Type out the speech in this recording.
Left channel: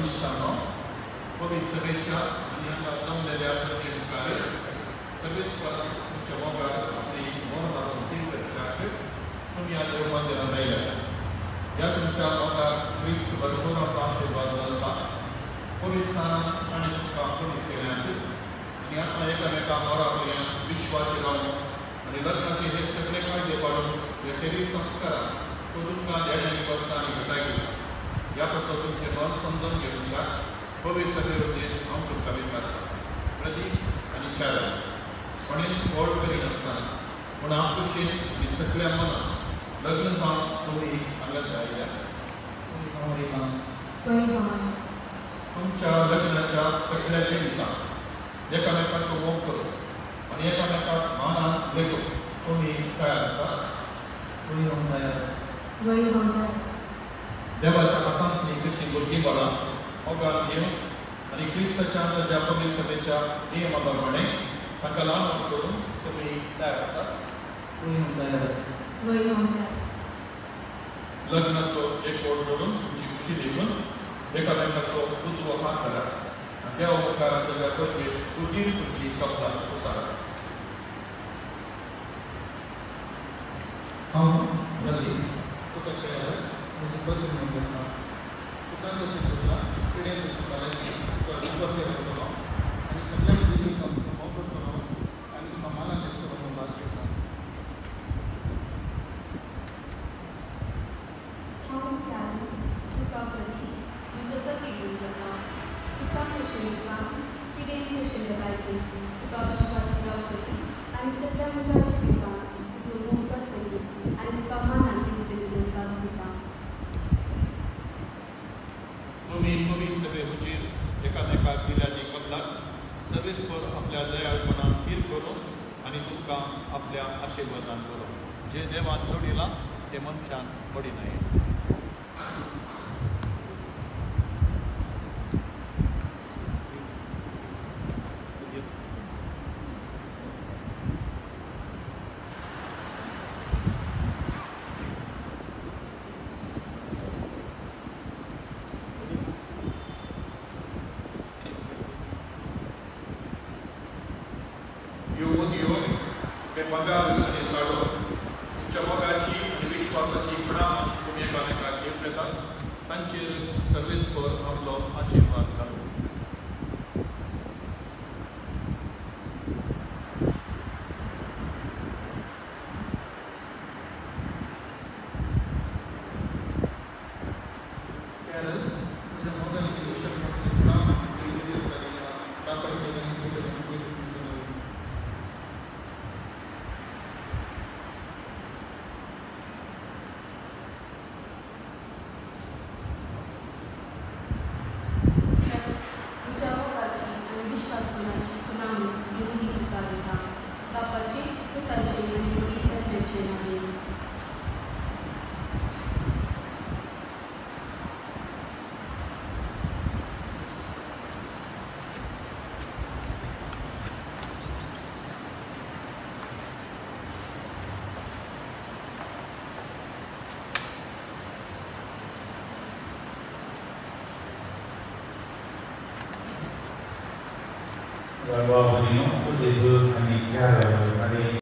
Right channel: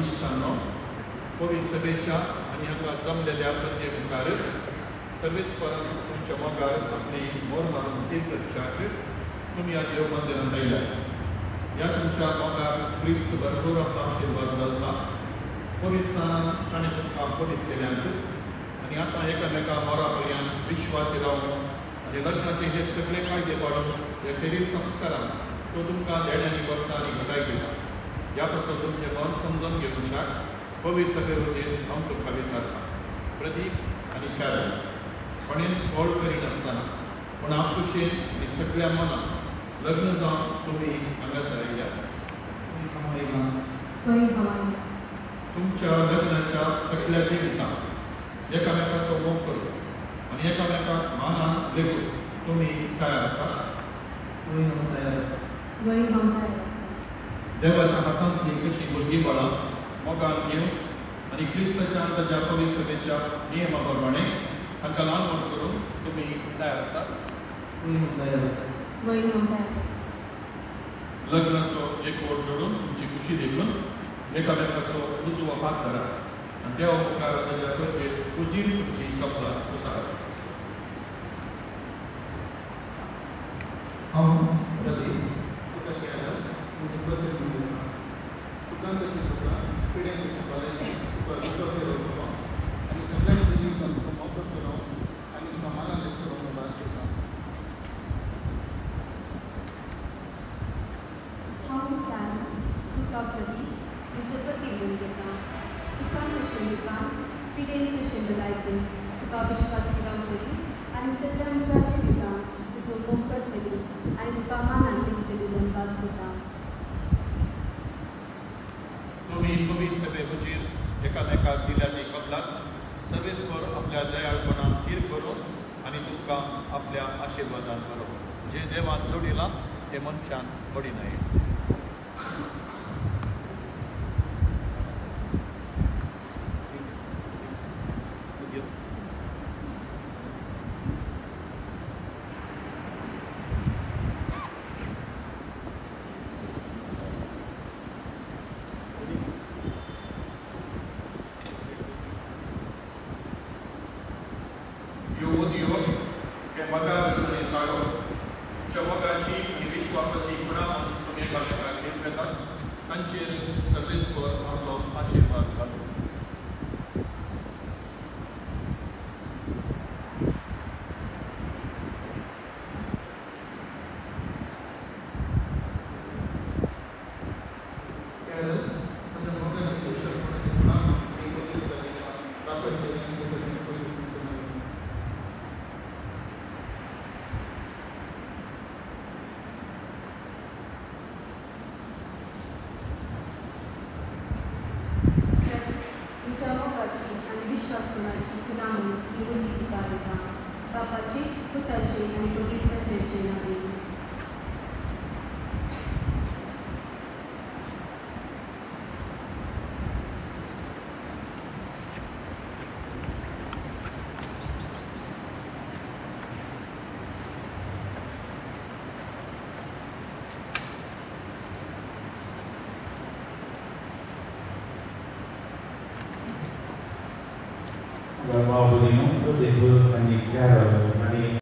इश्टांनो पवित्र सभेच्या आणि हांगा जमलेल्या प्रत्येक मुखार सर्वेच तुमच्या मोगार आपली मोर मारून तीर्थाक तुमी ह्या देव मंदिरांत आयल्या ह्या तुमच्या मोगार क्रिस्त भरपूर आपलो आशिर्वाद घालता पवित्र स्थानांत ताणें तुमकां पवित्र केल्यात आनी आतां एकामेका मोरा वयल्यान विश्वासी रावन आनी लग्नाचे हे सगळे कायदे पाळून हे शरीर संस्कारान तो तुमकां देण्यानी बघता आनी घटाय दिता ह्या पासून तुमचें मन समजून घेवच्याक पवित्र सभेचेर हांव तुमकां विचारता प्रतीक आनी कारण कोणेंच ओळ करिनासतना पूण आपुशेन आनी सगळ्या मनान लग्न जावन तुमी हांगासर आयल्या तुमच्या लग्नाच्या सगळ्या जिवितांत एकामेकाचो मोग करून आनी एकामेकाक मानान लेगून तुमी तयार आसात देवाच्या हातांतली कशी भुरगीं बाळां मोगान घेवन आनी क्रिस्ताच्या ताच्या पवित्र सभेच्या नियमा प्रमाणे तांकां ल्हान करून तुमी तयार आसात लग्नाचो एक ओळ जोडून तुमची खुशी दिवन एकामेकाचो उजवो हात धरात आनी देवा मुखार ताच्या पयलीं उजिरी तुमची कपलां उसारात तुमी पवित्र सभे हुजीर एकामेकाक दिल्या ती कबलात सर्वेस्पर आपल्या दयाळपणान खीर करूं आनी तुमकां आपल्या आशिर्वादान करूं जे देवान जोडिलां ते मनशान पडिनाये मोगाची आनी विश्वासाची खुणावन तुमी एकामेकाचेर येतात तांचेर सर्वेस्पर आपलो आशिर्वाद घालूं Rồi qua bên nhóm có thể vươn thành nghiệp ra rồi